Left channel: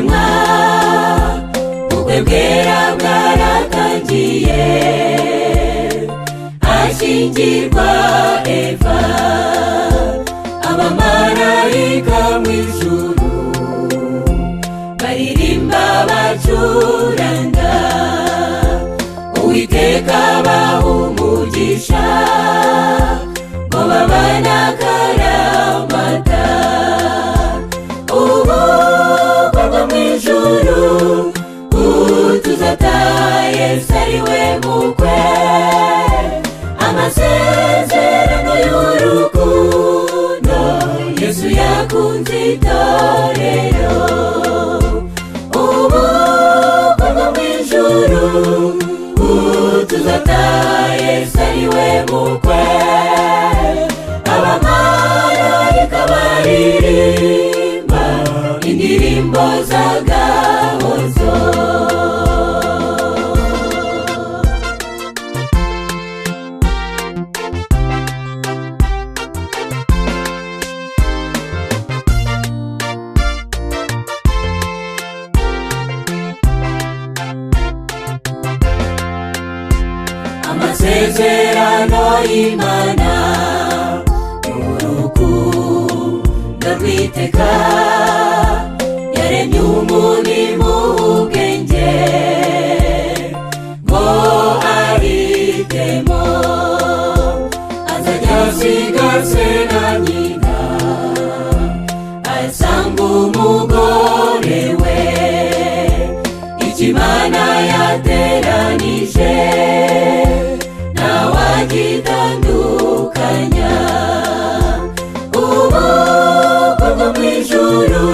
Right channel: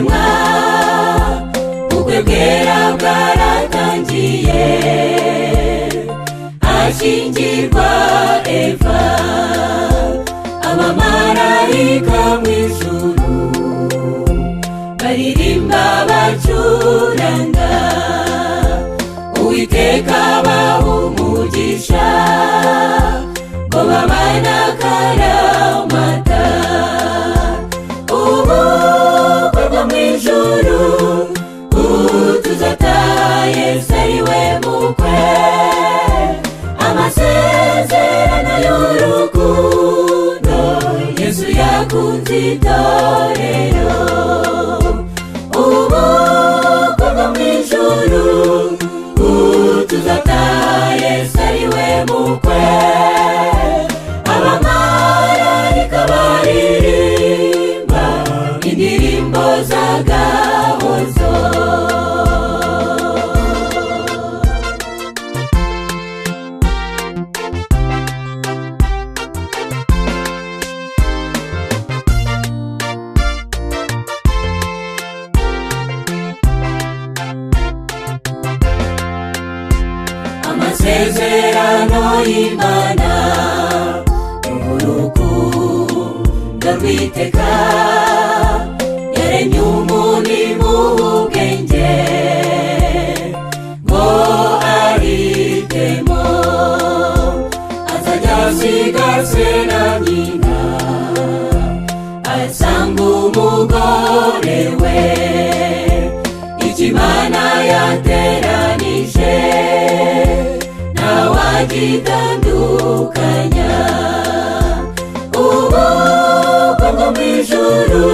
ruremwa ubukwe bwera bwaratangiye ashyingirwa Eva abamarayika mu ijuru baririmba bacuranga Uwiteka abaha umugisha ngo babane akaramata ubukwe bwo mu ijuru tuzataha Yesu ari we mukwe amasezerano y'urukundo Yesu yakunze itorero ubukwe bwo mu ijuru tuzataha Yesu ari we mukwe abamarayika baririmba indirimbo z'agahozo amasezerano y'Imana n'urukundo rw'iteka yaremye umuntu mu bwenge ngo ahitemo azajya asiga se na nyina asanga umugore we icyo Imana yateranije gitandukanya ubukwe bwo mu ijuru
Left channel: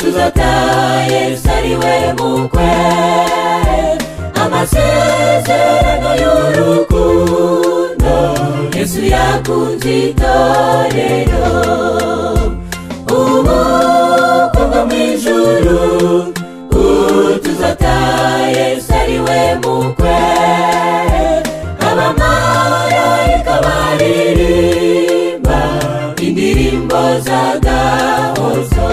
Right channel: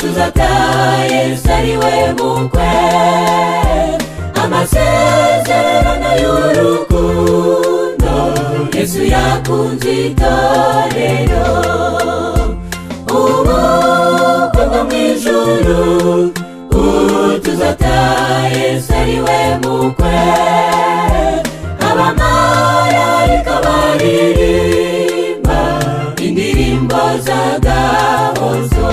tuzataha Yesu ari we mukwe amasezerano y'urukundo Yesu yakunze itorero ubukwe bwo mu ijuru tuzataha Yesu ari we mukwe abamarayika baririmba indirimbo z'agahozo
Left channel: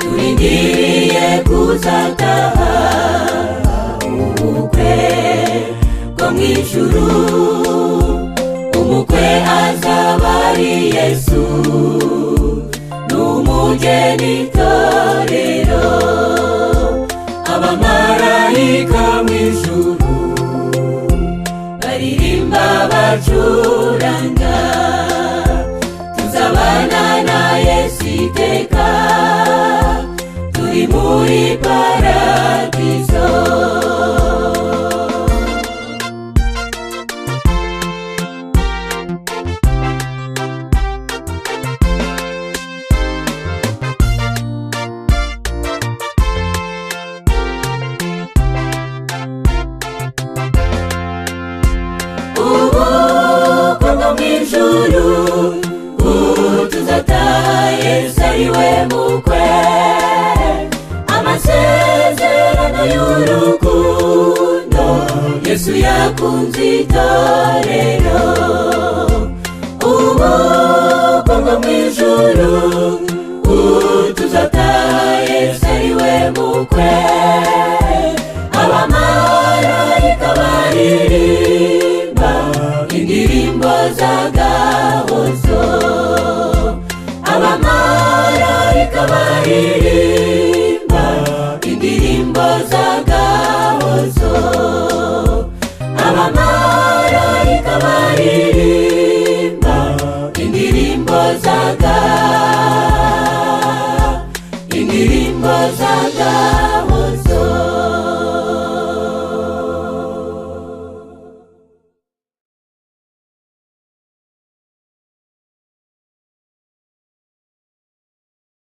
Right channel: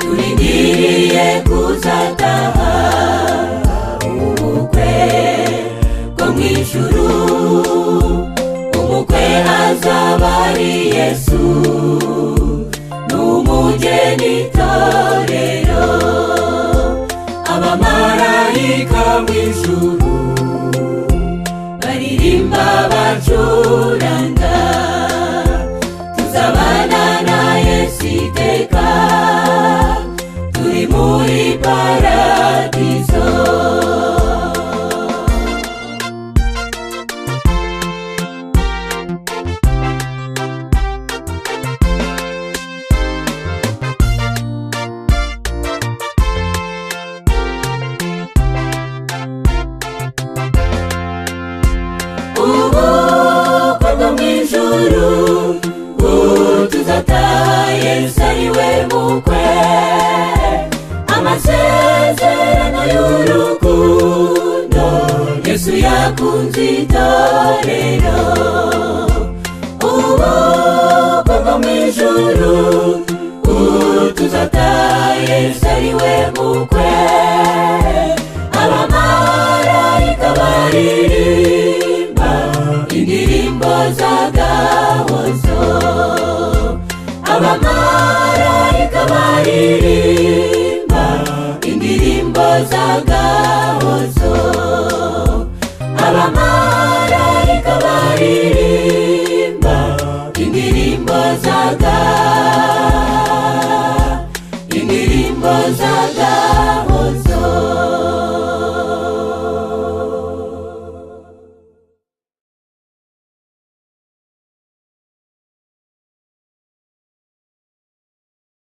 turindiriye kuzataha ijuru umukwe azaba ari Yesu n'umugeni itorero abamarayika mu ijuru baririmba bacuranga tuzabana na Yesu iteka turi muri paradizo tuzataha Yesu ari we mukwe amasezerano y'urukundo Yesu yakunze itorero ubukwe bwo mu ijuru tuzataha Yesu ari we mukwe abamarayika baririmba indirimbo z'agahozo abamarayika baririmba indirimbo z'agahozo